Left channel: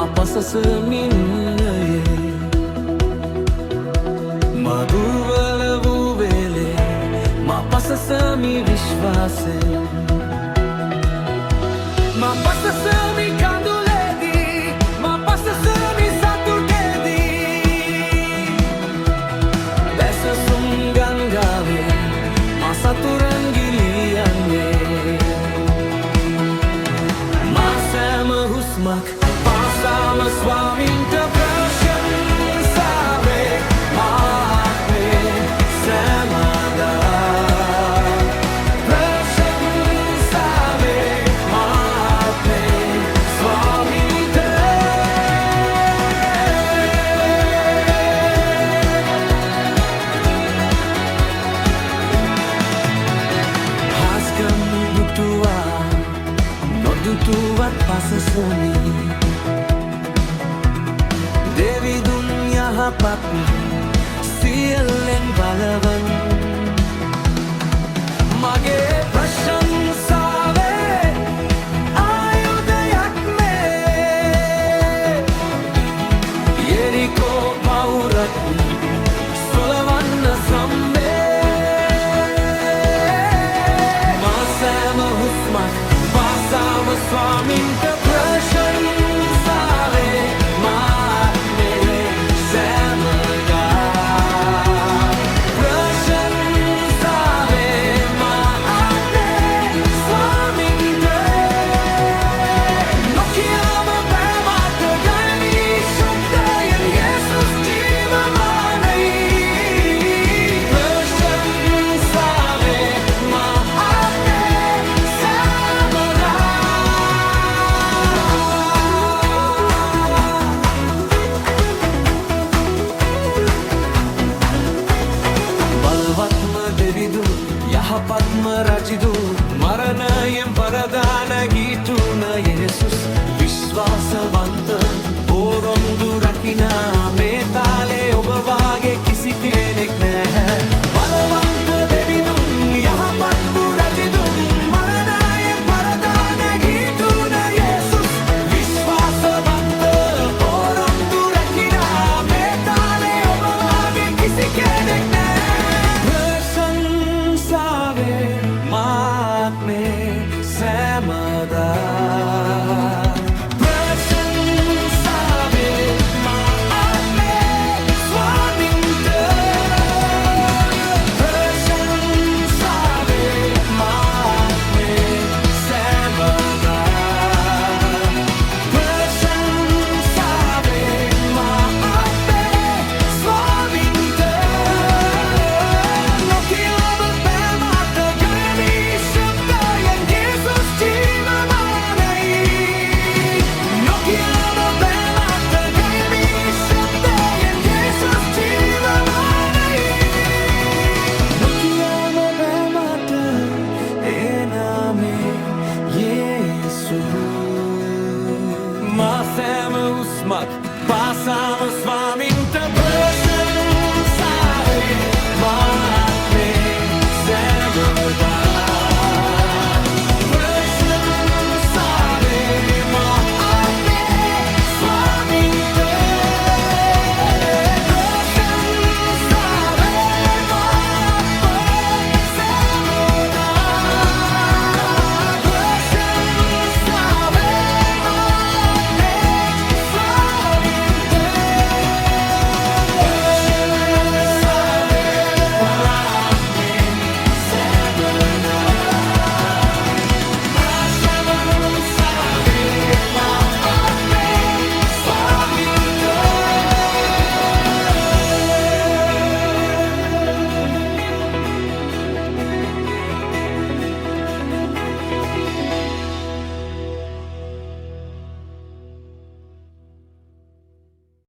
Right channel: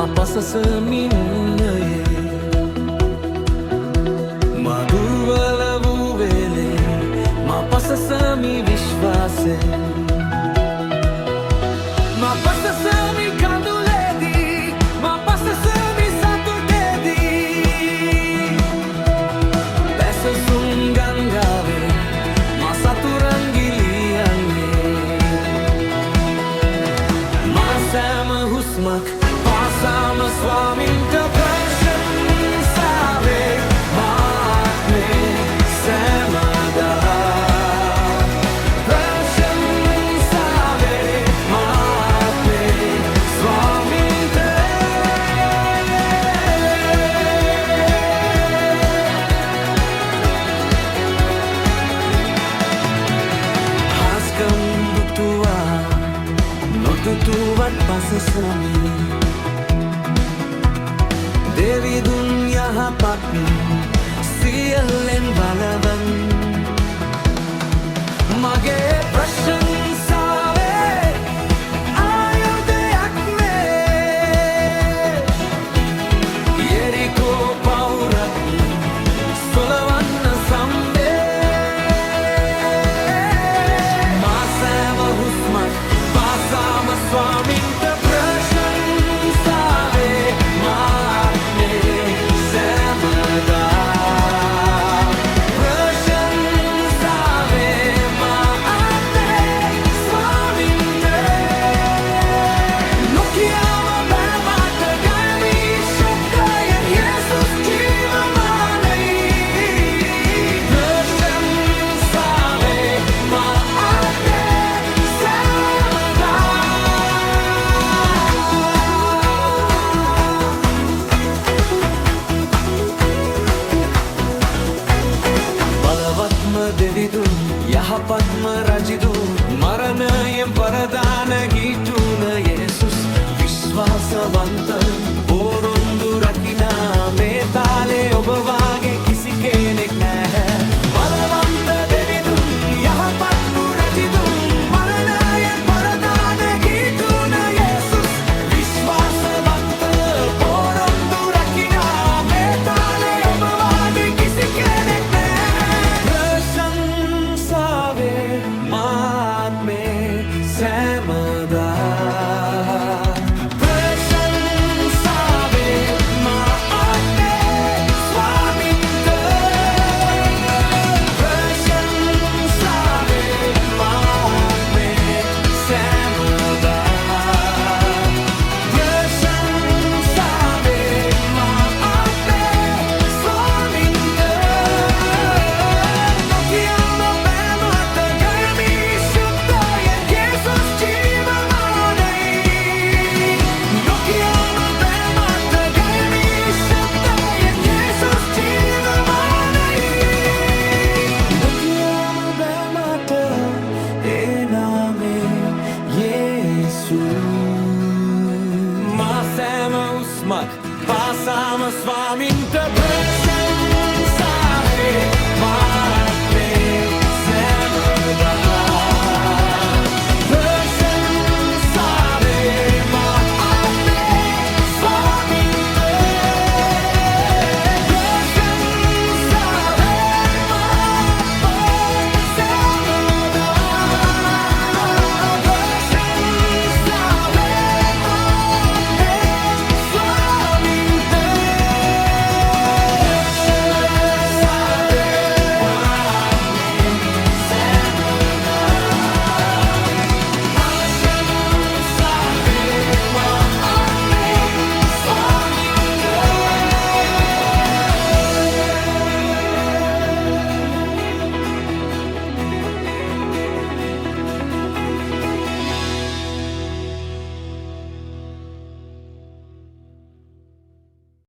මා පසසමින්නයේ මා දුර්වල වූ වෙලේ මා පසසමි විශ්වාසයෙන් මා පසසමි කඳුලේදී මා පසසමි සතුටේදී බැසසුම් ගංගාවේ මා සතුරන් ගිලියන්නේ මා සෑම හුස්මක් පාසාම ස්වාමින්ට ප්‍රශංසාවේ මා ආත්මේ සෑමදා දුටුවා නොදුටුවත් පසසමි දෙවිදුන් යහපත් සියල්ලෙන් බලවන් මගේ ප්‍රශංසාවේ ආයුධයක් මේ යෙරිකෝ පවුරත් සොලවන්න සම්බේ හුස්මක් පාසාම ස්වාමින්ට ප්‍රශංසාවේ මා ආත්මේ සෑමදා ප්‍රශංසාවේ මා ආත්මේ ස්වාමින්ට නොකියාම බෑ මට ගනි ශුද්ධයෙන් යේසුස් ජීවමානයි ප්‍රශංසාවේ මා දෙවිදුන් යහපත්ම රජිදු මරණයෙන් පරදාන ගීතුන යේසුස් විශ්වාසවන්ත පොරොන්දු රකිනා මේ තාලේ ඔබ වාගේ කිසි කෙනෙක් නැහැ බලවන්ත දෙවිදුන් යහපත්ම රජිදුන් මරණයෙන් පරදාන ගීතුන යේසුස් විශ්වාසවන්ත පොරොන්දු රකිනා මේ තාලේ ඔබ වාගේ කිසි කෙනෙක් මාත්මේ සෑමදා ප්‍රශංසාවේ මා ආත්මේ ස්වාමින්ට ප්‍රශංසාවේ මා ආත්මේ සෑමදා ප්‍රශංසාවේ මා ආත්මේ ස්වාමින්ට නොකියාම බෑ මට මා සෑම හුස්මක් පාසාම ස්වාමින්ට ප්‍රශංසාවේ මා